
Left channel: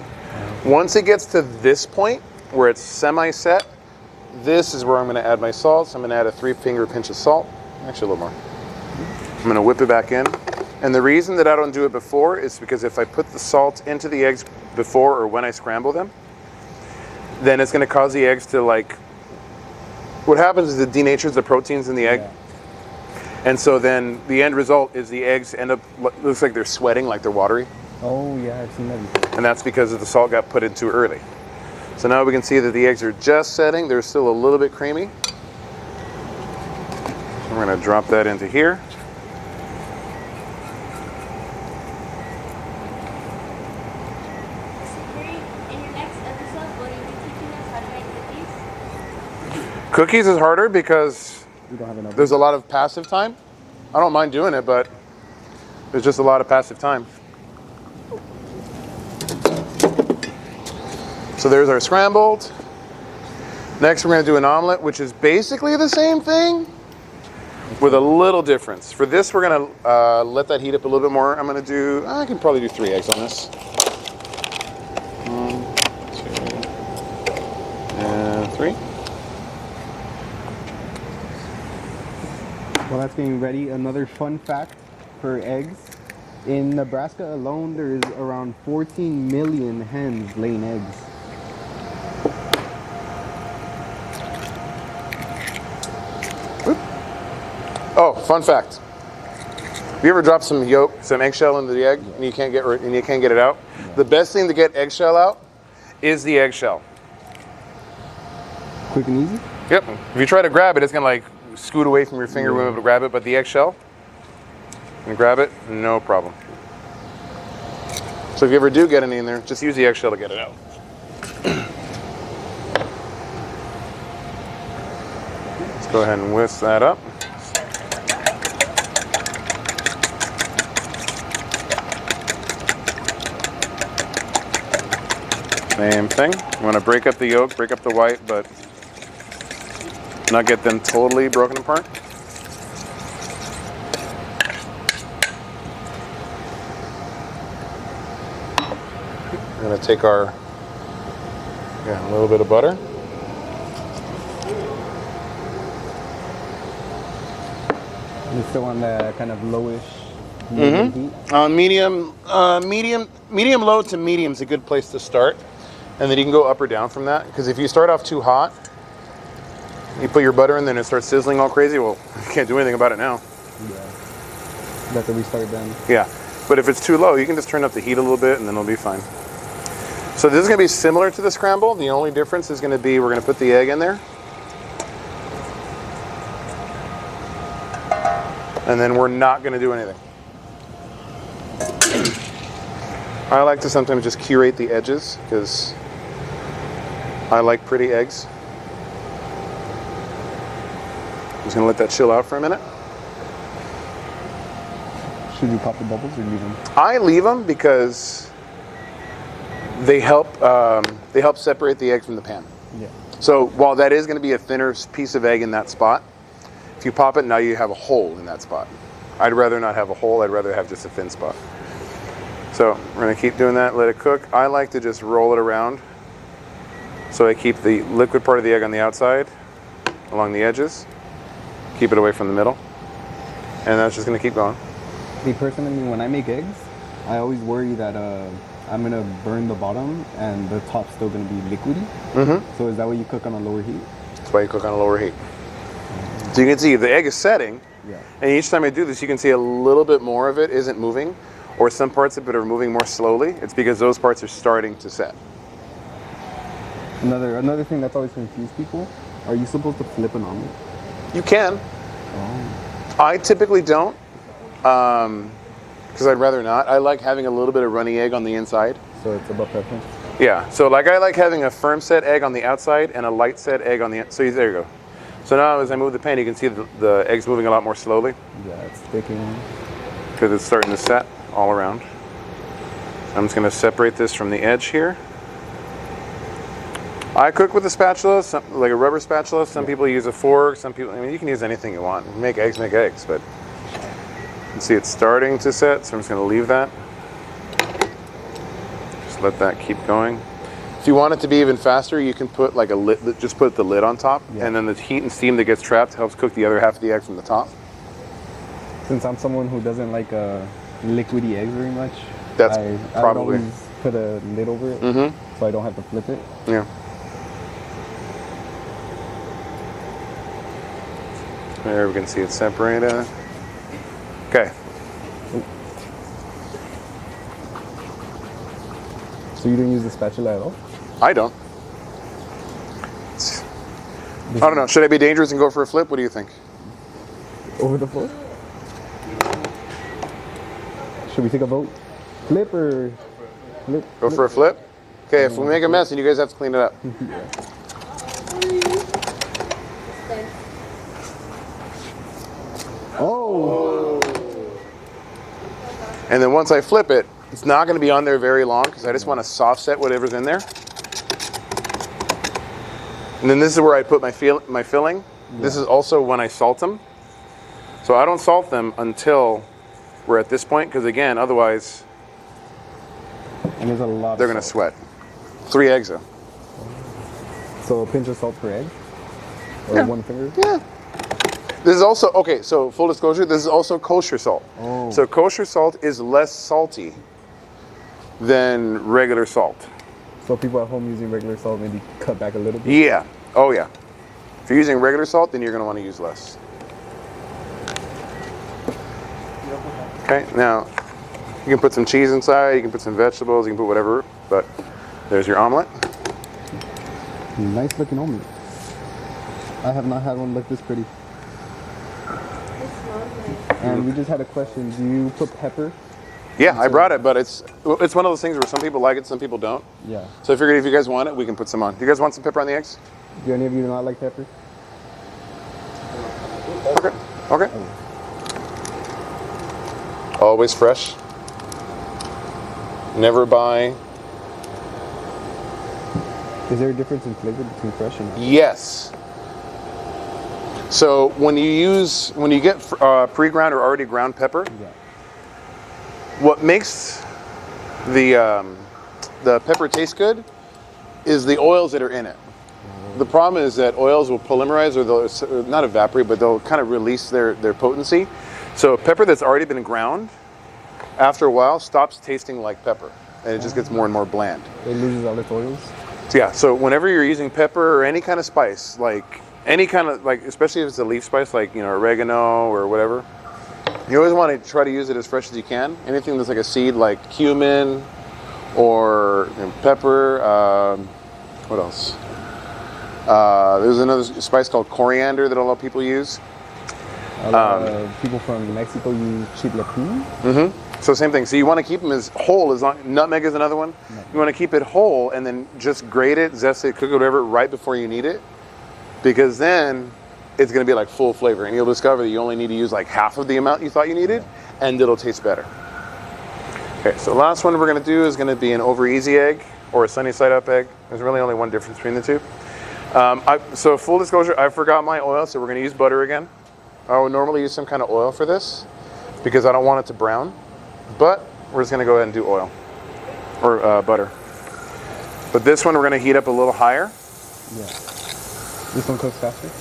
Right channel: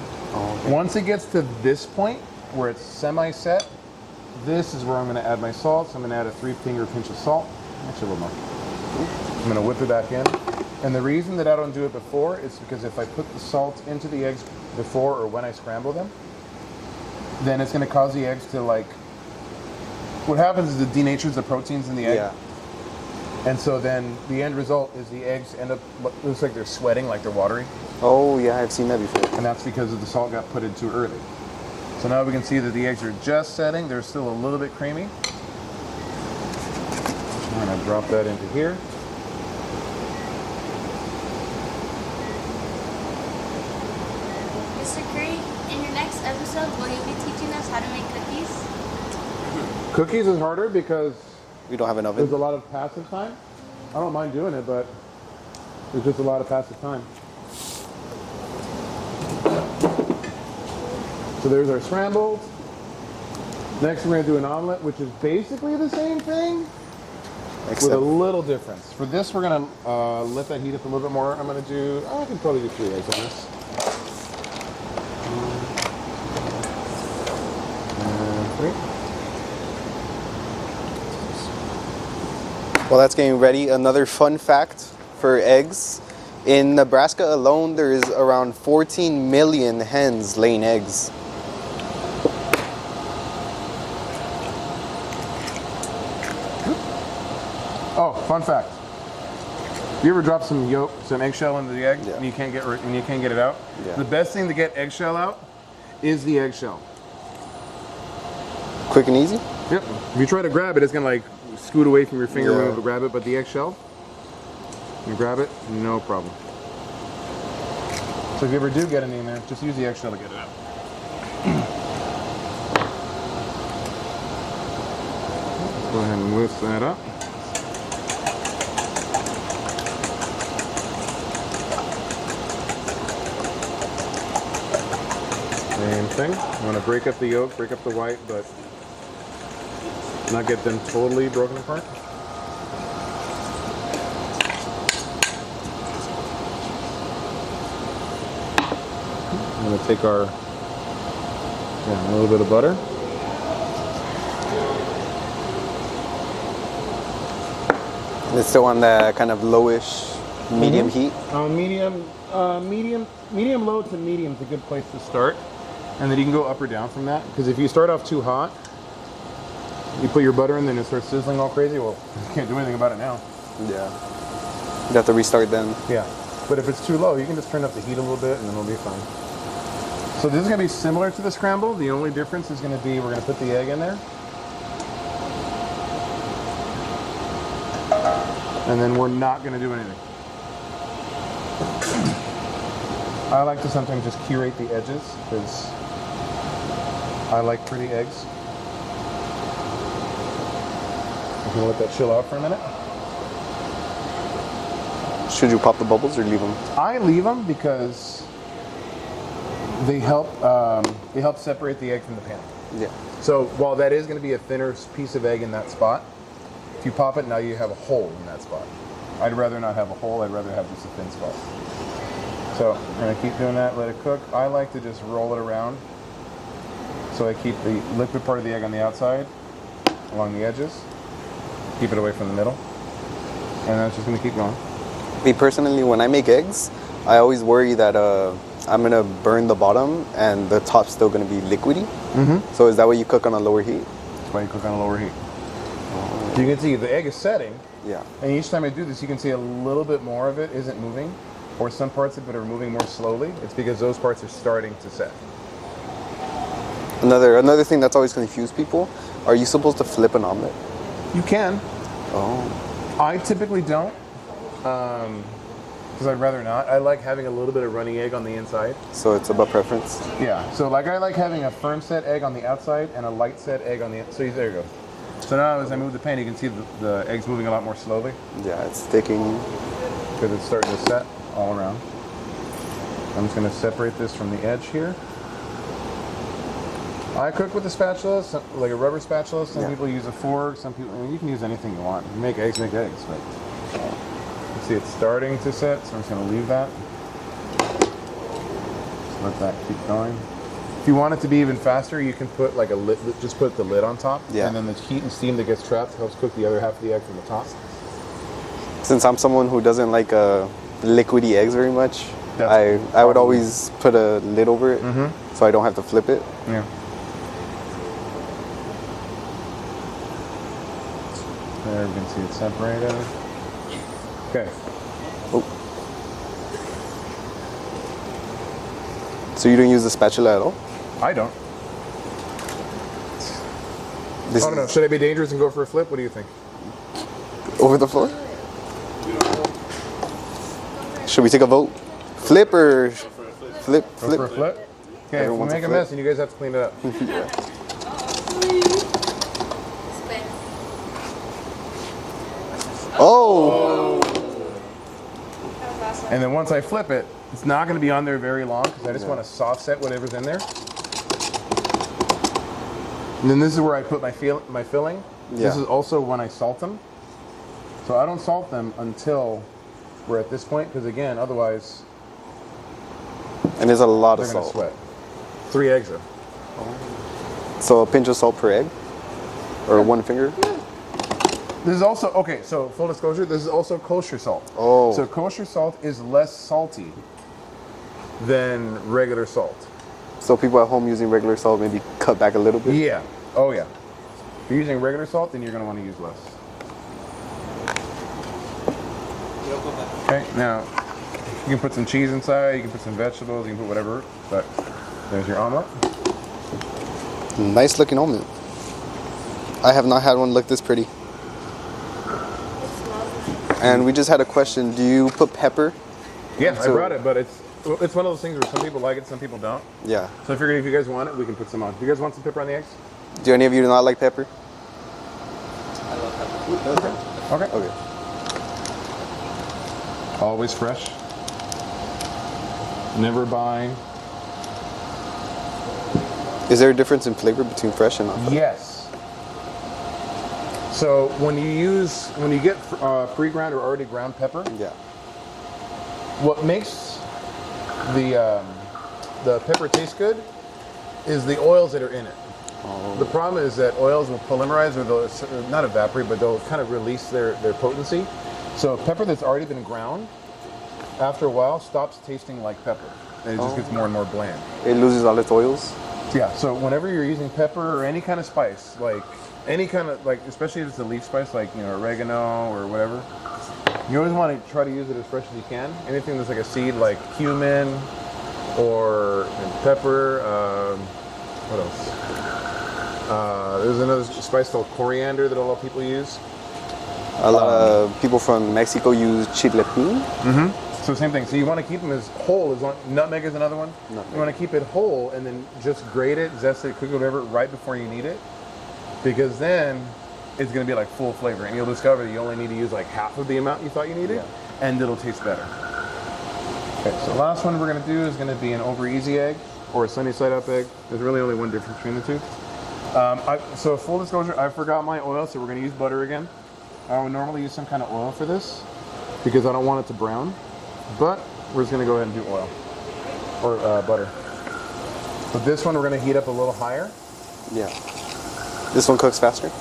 Once it gets to this point, where it's semi-set, this is where I'm gonna add my salt. So I'm gonna add a 3-finger pinch of salt, actually a little more. I'm gonna whip it back in. And the reason that I don't do it before is because if I put the salt into the eggs before or when I scramble them, then it's gonna cause the eggs to like, what happens is it denatures the proteins in the egg. Yeah. And so then the end result is the eggs end up, looks like they're sweating, like they're watery. Oh yeah, I've seen that before. And that's because the salt got put in too early. So now we can see that the eggs are just setting. They're still a little bit creamy. We're gonna drop that into here. Mr. Curry, in your next episode, will you be teaching us how to make cookies? Cookies is harder because We don't have an oven. there's a lot of passive time. I don't mind doing it, but there's just a lot of passive time. So there's our scrambled. Next, we're gonna do an omelet, which is basically the same thing, with a little difference. For this, we're gonna let that heat up a little bit more. I'm gonna do, I can probably do 3 eggs on this. 1, 2, and 3. While that's getting ready, another fun fact for eggs. In Nebraska alone, there is around 14 million hens laying eggs. Oh, fun fact. Have you ever dropped some yolk, some eggshell into the egg, Yeah. and you can't get it out? Yeah. The best thing to get eggshell out is the eggshell. Quick and easy. Yep. If you try to grab it, it's gonna like scoot away from your finger when Yeah. you to grab it, but the eggshell, you grab it, no problem. So if you ever do get any in there, just use the eggshell to get it out. Let's go ahead and whisk that up. Same thing. You want to break up the yolk, break up the white, but not get them totally broken apart. I'm going to take our, again, a little bit of butter. And it's still on that kind of lowish medium heat. On medium low to medium is a good place to start. And then you can go up or down from that. Because if you start off too hot, you put your butter in, then it starts sizzling all crazy. Well, you can't do anything about it now. Yeah. You have to restart then. Yeah. But if it's too low, you can just turn up the heat a little bit and then it'll be fine. So this is gonna be similar to the scramble. The only difference is gonna be we're gonna put the egg in there. And then we're not gonna do anything. I like to sometimes just curate the edges because I like pretty eggs. Just gonna let that chill out for a minute. Should you pop the bubbles or leave them? I leave them because they help separate the egg from the pan. Yeah. So while that is going to be a thinner piece of egg in that spot, if you pop it, now you have a hole in that spot. I'd rather not have a hole. I'd rather have just a thin spot. So we're going to keep doing that, let it cook. I like to just roll it around so I keep the liquid part of the egg on the outside along the edges, keep it away from the middle, and that's just going to keep going. Me personally, when I make eggs, I always worry that I'm gonna burn the bottom and the top's still gonna be liquidy. Mm-hmm. So is that why you cook on a lower heat? That's why you cook on a lower heat. So you can see the egg is setting, Yeah. and each time I do this, you can see a little bit more of it isn't moving, or some parts of it are moving more slowly. It's because those parts are starting to set. Another thing that's always confused people: are you supposed to flip an omelet? You can. Oh. I typically don't, because I'd rather not. I like having a little bit of runny egg on the inside. So it's about preference. Yeah. So like I like having a firm set egg on the outside and a light set egg on the. So there you go. So now as I move the pan, you can see the eggs moving a lot more slowly Yeah, it's sticking. because it's starting to set all around. I'm just going to separate this from the edge here. I cook with a spatula, like a rubber spatula. Some people use a fork. Some people, I mean, you can use anything you want. Make eggs, but you can see it's starting to set, so I'm just going to leave that. Just let that keep going. If you want it to be even faster, you can put like a lid, just put the lid on top, and then the heat and steam that gets trapped helps cook the other half of the egg from the top. Since I'm someone who doesn't like liquidy eggs very much, I would probably- always put a lid over it so I don't have to flip it. Yeah. There we can see it separated. Okay. So you don't use the spatula at all? I don't. This I don't know. Should I be dangerous and go for a flip? What do you think? Over the floor? Should we take a vote? Flip or flip? Go for a flip? Okay, if Everyone we wants make a a mess, then you guys have to clean it up. Oh! And then once I flip it, it's not going to be on there very long because I just want to soft set whatever's in there. And then this is where I put my filling. This is also when I salt them. So I don't salt them until we're at this point because, again, otherwise And there's a lot they're of going to salt. sweat. 3 eggs though. So a pinch of salt per egg? Or one finger? Yeah. This is also, okay, so full disclosure, this is also kosher salt. Oh. So kosher salt is less salty than regular salt. So people at home using regular salt maybe cut back a little bit? Yeah. Oh, yeah. If you're using regular salt, then you're going to want to use less. Okay, now you can put some cheese inside, you can put some vegetables, you can put whatever, but there's your omelet. Nice looking omelet. I have not had one look this pretty. And we just had a question. Do you put pepper? Yeah, I So- brought it, but it's one of those things where some people like it, some people don't. Yeah. So I figured if you guys want it, we can put some on. Do you guys want some pepper on the eggs? Do any of you not like pepper? Okay. Okay. Okay. Always fresh. Never buy. Is there a difference in flavor between fresh and not? Yes. So when you get pre-ground or already ground pepper, Yeah. what makes the pepper taste good is the oils that are in it. The problem is that oils will polymerize or they'll not evaporate, but they'll kind of release their potency. So pepper that's already been ground, after a while, stops tasting like pepper, and it just gets more and more bland. It loses all its oils. Yeah, so whenever you're using pepper or any kind of spice, like any kind of, like, especially if it's a leaf spice, like, you know, oregano or whatever, you always want to try to use it as fresh as you can. Anything that's like a seed, like cumin or pepper. What else? There's another spice called coriander that a lot of people use. A lot of people from Mexico use chiltepín. So same thing. So you want to keep them as whole as long. Nutmeg is another one. You want to keep it whole and then just grate it, zest it, cook it, whatever, right before you need it, because then it's going to be like full flavor, and you'll discover that you only need to use like half of the amount you thought you needed, and it'll taste better. Okay, so the last one we're going to do is going to be an over easy egg or a sunny side up egg. There's really only one difference between the two. So full disclosure, I forgot my oil, so we're going to use butter again. I would normally use some kind of oil for this because I don't want it to brown. But we're just going to go ahead and do oil or butter. But this one we're going to heat up a little higher. Yeah. This one cooks faster?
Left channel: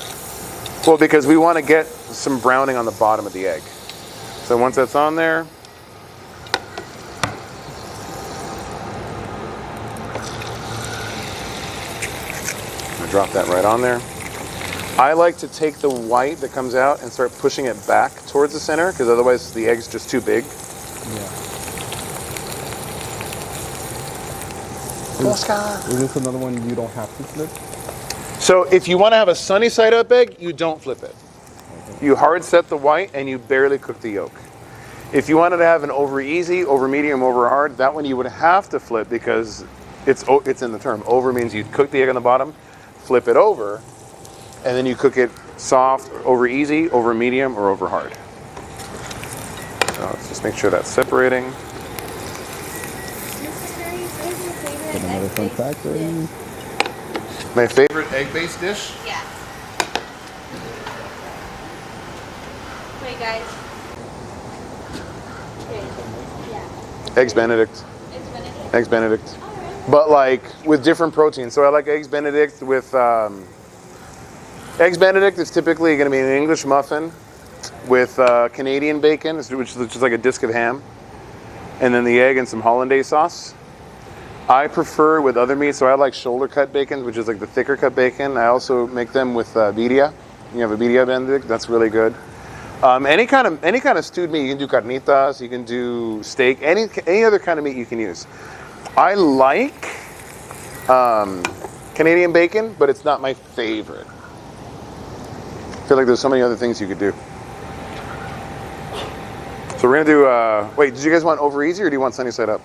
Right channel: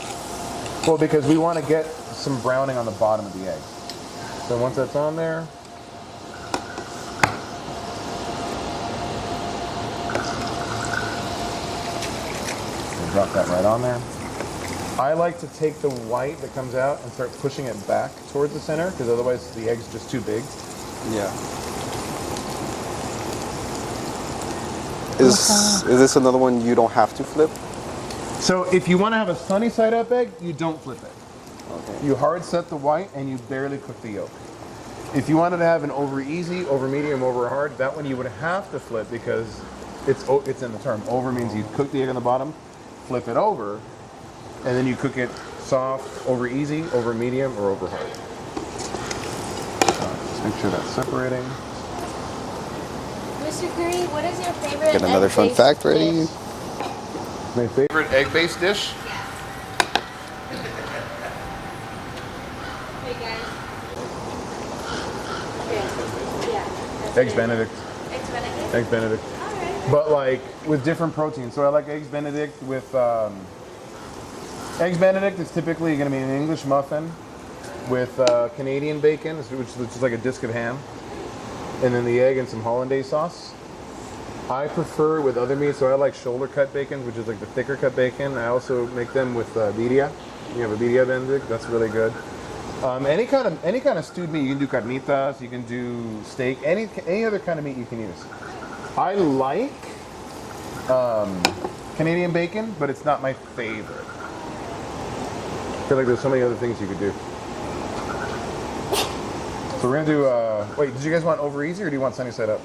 Well, because we want to get some browning on the bottom of the egg. So once that's on there, I'm going to drop that right on there. I like to take the white that comes out and start pushing it back towards the center because otherwise the egg's just too big. Yeah. Is this another one you don't have to flip? So if you want to have a sunny side up egg, you don't flip it. Okay. You hard set the white and you barely cook the yolk. If you wanted to have an over easy, over medium, over hard, that one you would have to flip because it's in the term. Over means you'd cook the egg on the bottom, flip it over, and then you cook it soft, over easy, over medium, or over hard. So let's just make sure that's separating. Mr. Curry, what is your favorite Get another fun egg-based fact ready. dish? My favorite egg-based dish? Yeah. Hey guys. Okay. Yeah. Eggs Benedict. Eggs Benedict. Eggs Benedict. Alright. But like with different proteins. So I like Eggs Benedict with Eggs Benedict is typically going to be an English muffin with Canadian bacon, which is just like a disc of ham, and then the egg and some hollandaise sauce. I prefer with other meats, so I like shoulder cut bacon, which is like the thicker cut bacon. I also make them with birria. You have a birria Benedict, that's really good. Any kind of stewed meat, you can do carnitas, you can do steak, any other kind of meat you can use. I like Canadian bacon, but it's not my favorite. I feel like there's so many other things you could do. So we're gonna do. Wait, did you guys want over easy or do you want sunny side up?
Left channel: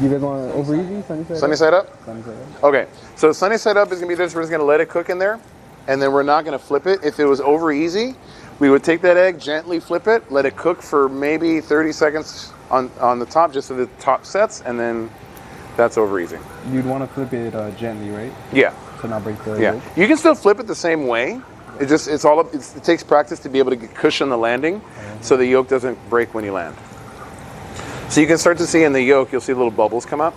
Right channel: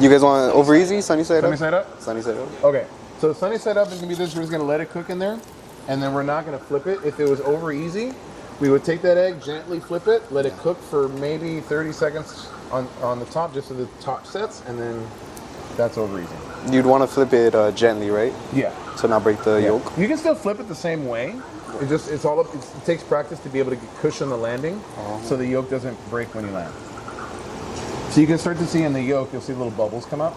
You guys want over easy, sunny side Sunny up? side up. Sunny side up. Okay. So sunny side up is gonna be this. We're just gonna let it cook in there, and then we're not gonna flip it. If it was over easy, we would take that egg, gently flip it, let it cook for maybe 30 seconds on the top, just so the top sets, and then that's over easy. You'd want to flip it gently, right? Yeah. To not break the Yeah. yolk. You can still flip it the same way. It takes practice to be able to cushion the landing, so the yolk doesn't break when you land. So you can start to see in the yolk, you'll see little bubbles come up.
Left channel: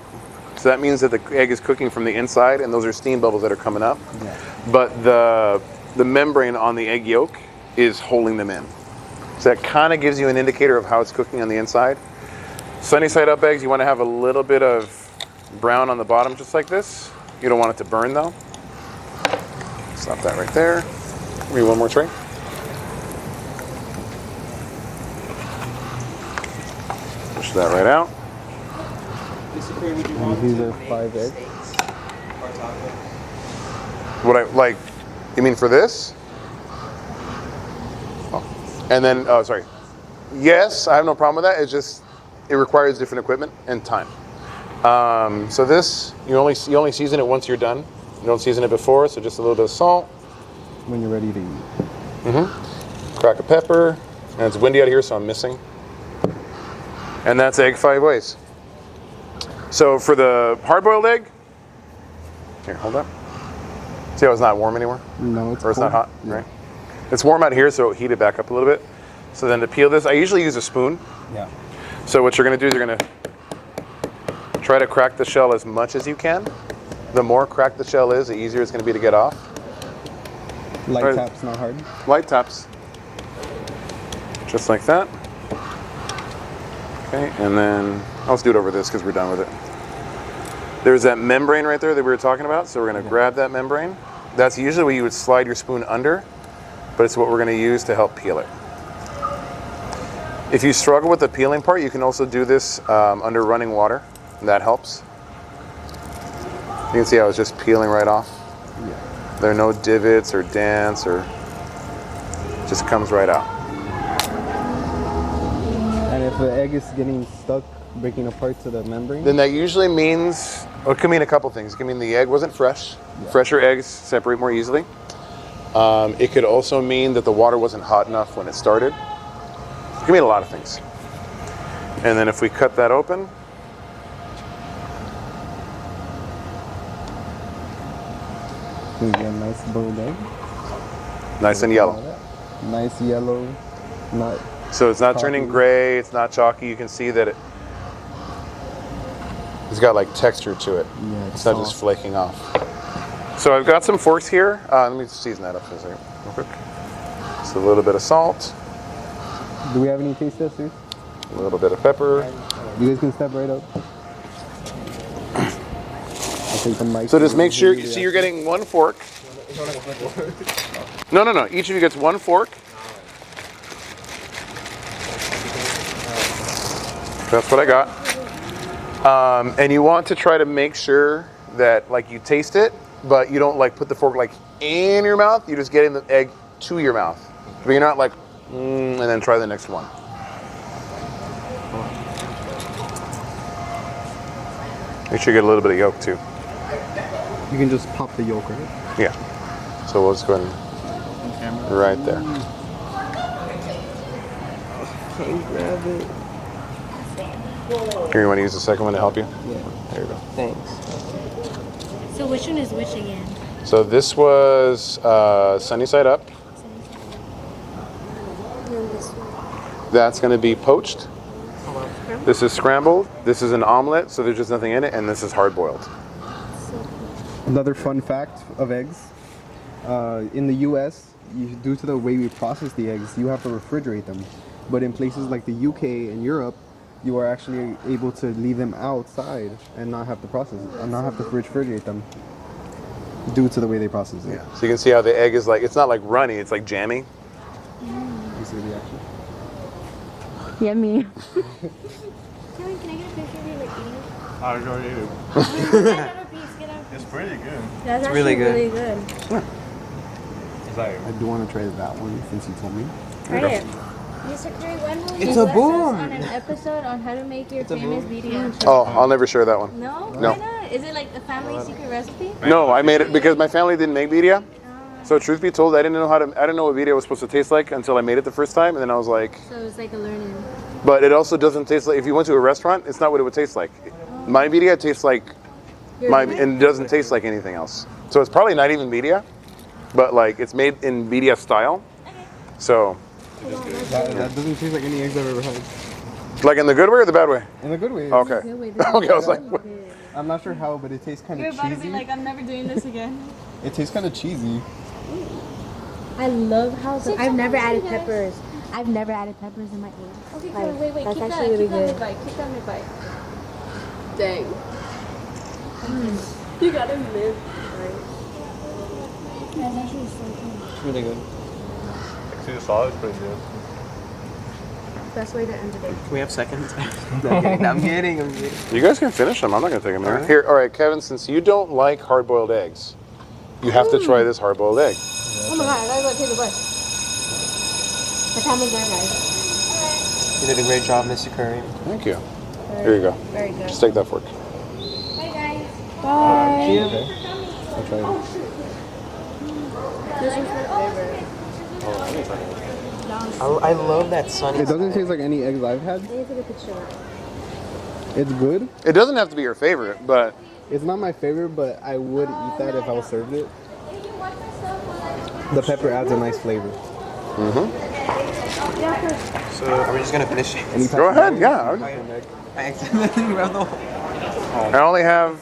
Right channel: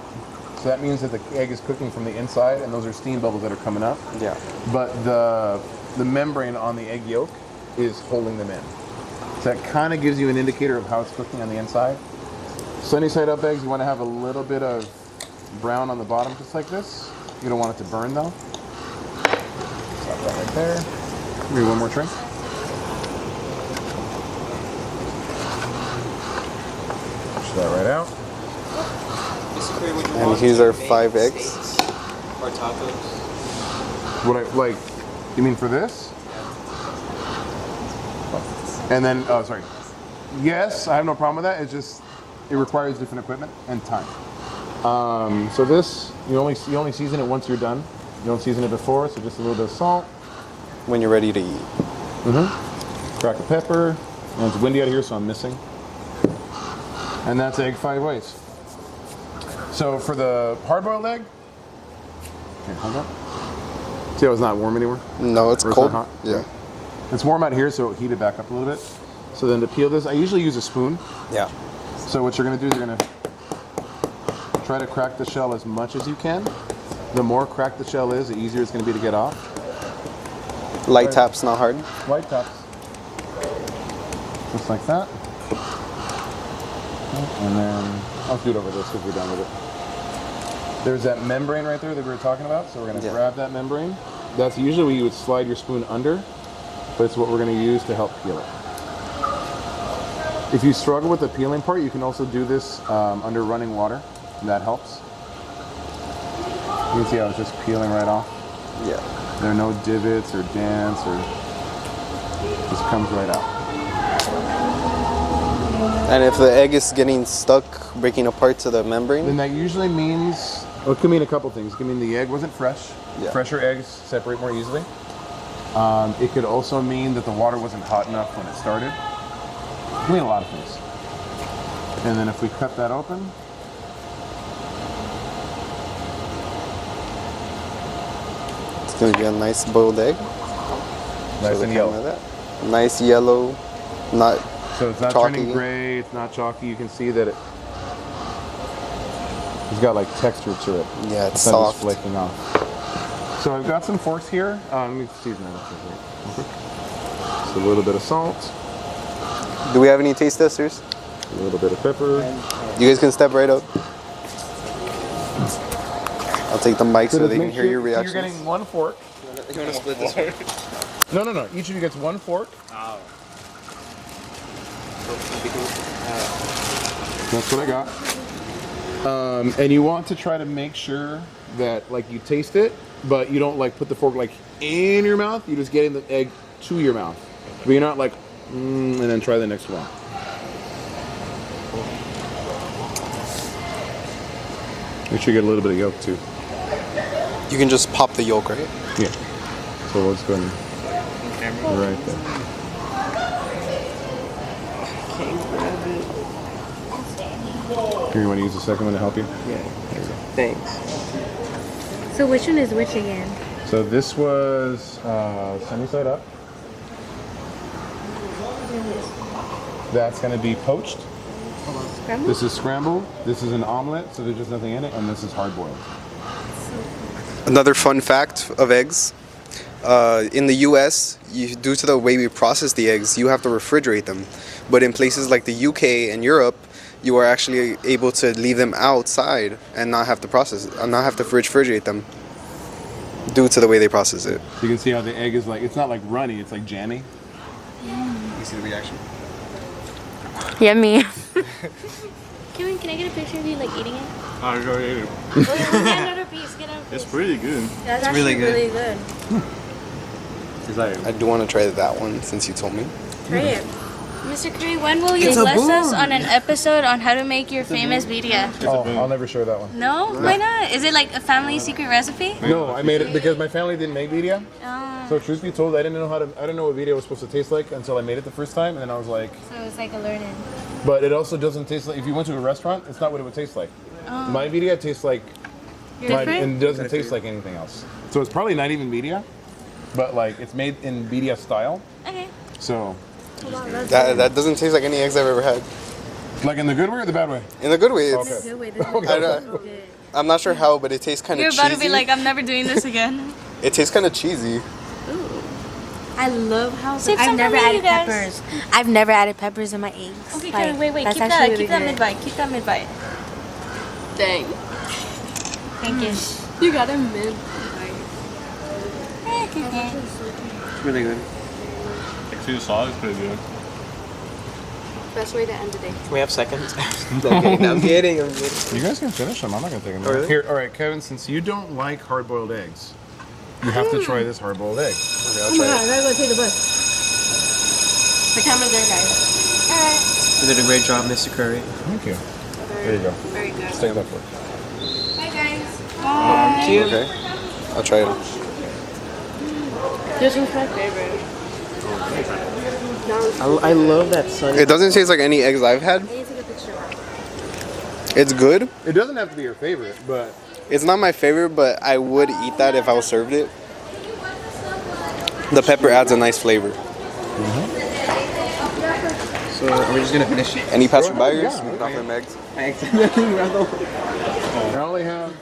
So that means that the egg is cooking from the inside, and those are steam bubbles that are coming up. Yeah. But the membrane on the egg yolk is holding them in. So that kind of gives you an indicator of how it's cooking on the inside. Sunny side up eggs, you want to have a little bit of brown on the bottom, just like this. You don't want it to burn though. Stop that right there. Give me one more tray. Push that right out. Basically, would you And want here's to our make 5 eggs. steaks or tacos? What I like, you mean for this? And then, oh, sorry. Yes, I have no problem with that. It's just, it requires different equipment and time. So this, you only season it once you're done. You don't season it before, so just a little bit of salt, When you're ready to eat. crack of pepper, and it's windy out here, so I'm missing. And that's egg 5 ways. So for the hard-boiled egg, here, hold on. See how it's not warm anymore? No, it's Or it's cold. not hot? Yeah. Okay. It's warm out here, so heat it back up a little bit. So then to peel this, I usually use a spoon. Yeah. So what you're gonna do is you're gonna try to crack the shell as much as you can. The more cracked the shell is, the easier it's gonna be to get off. Light Right. taps, not hard. Light taps. Just like that. Okay, and then I'll just do it over this because we're done with it. There's that membrane right there that we were talking about, so we're gonna Yeah. grab that membrane. That's usually where you would slide your spoon under, but it's what we're gonna use to help peel it. If you struggle with the peeling part, you can also do this under running water. That helps. You can see how it's just peeling right off. Yeah. There are no divots or dents, or just comes right out. And if the egg is getting stuck, breaking apart to the membrane, Then that usually means, well, it could mean a couple things. It could mean the egg wasn't fresh. Yeah. Fresher eggs separate more easily. It could also mean that the water wasn't hot enough when it started. It can mean a lot of things. And then if we cut that open, it's gonna be a nice boiled egg. nice and Like yellow. that. Nice yellow, not So it's not Chalky. turning gray, it's not chalky. You can see that it's got like texture to it. Yeah, it's not just soft. flaking off. So I've got some forks here. Let me season that up for a second, real quick. Just a little bit of salt, Do we have any taste testers? a little bit of pepper. You guys can step right up. I'll take the mic. So just they make can hear sure, your so you're reactions. getting one fork. You want to split this one? No. Each of you gets one fork. That's what I got. And you want to try to make sure that like you taste it, but you don't like put the fork like in your mouth. You're just getting the egg to your mouth. But you're not like, and then try the next one. Make sure you get a little bit of yolk too. You can just pop the yolk, right? Yeah. So we'll just go ahead and right there. Can't grab it. Here, you want to use the second one to help you? Yeah. There you go. Thanks. So which one is which again? So this was sunny side up. That's going to be poached. This is scrambled. This is an omelet, so there's just nothing in it, and this is hard boiled. Another fun fact of eggs. In the U.S., due to the way we process the eggs, you have to refrigerate them. But in places like the U.K. and Europe, you are actually able to leave them outside and not have to refrigerate them due to the way they process it. So you can see how the egg is like, it's not like runny, it's like jammy. You see the reaction? Yummy. Kevin, can I get a picture of you like eating it? I'll go eat it. Get another piece. Get another It's piece. pretty good. That's It's really actually good. really good. It's like I do want to try that one since you told me. Try it. Mr. Curry, when will you It's a bless us boom. on an episode on how to make your famous birria? Oh, I'll never share that one. No? Why not? Is it like a family secret recipe? No, I made it because my family didn't make birria. Oh, So truth be told, I didn't know what birria was supposed to taste like until I made it the first time, and then I was like, so it's like a learning. but it also doesn't taste like, if you went to a restaurant, it's not what it would taste like. My birria tastes like and doesn't taste like anything else. So it's probably not even birria, but like it's made in birria style. Okay. So, That doesn't taste like any eggs I've ever had. like in the good way or the bad way? In a good way. It's, Okay. Okay, I was like, I'm not sure how, but it tastes kind You're of cheesy. about to be like, I'm never doing this again. It tastes kind of cheesy. I love how Save I've some never for me, added you guys. peppers. I've never added peppers in my eggs. Okay, Like, Curry, wait. that's Keep actually that really good. mid-bite. Keep that mid-bite. Dang. Thank you. You got a mid. It's really good. actually the sauce is pretty good. Best way to end the day. Can we have seconds? I'm kidding. you guys can finish them. I'm not gonna take them. Really? Here, all right, Kevin. Since you don't like hard-boiled eggs, you have to try this hard-boiled egg. Oh my god, I gotta go take the bus. The camera's there, guys. You did a great job, Mr. Curry. Thank you. Here you go. Very good. Just take that fork. Bye, guys. Bye. Cheers. Okay. I'll try it. This one's my favorite. I love that sun. It doesn't taste like any eggs I've had. I need to take a picture of that. It's good. It doesn't have to be your favorite, but It's not my favorite, but I would eat that if I was served it. The pepper adds a nice flavor. So are we just gonna finish? Any Go passion ahead, values? yeah, okay. Nothing eggs. I accidentally grabbed the I only have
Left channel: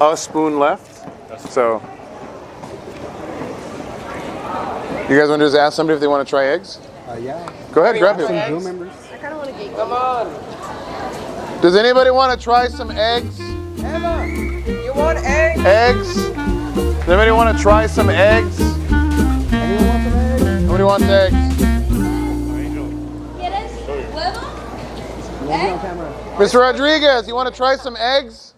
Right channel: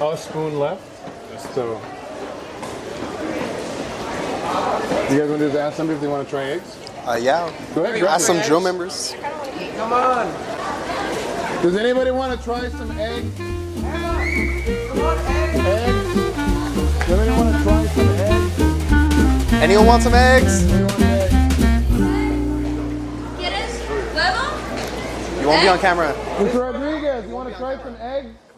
a spoon left. So, you guys want to just ask somebody if they want to try eggs? Yeah. Go ahead, grab Ask some. some drill members. Come on. Does anybody want to try some eggs? You want eggs? Eggs? Does anybody want to try some eggs? Anyone want some eggs? Somebody wants eggs? ¿Quieres huevo? You won't be on camera. Mr. Rodriguez, you want to try some eggs?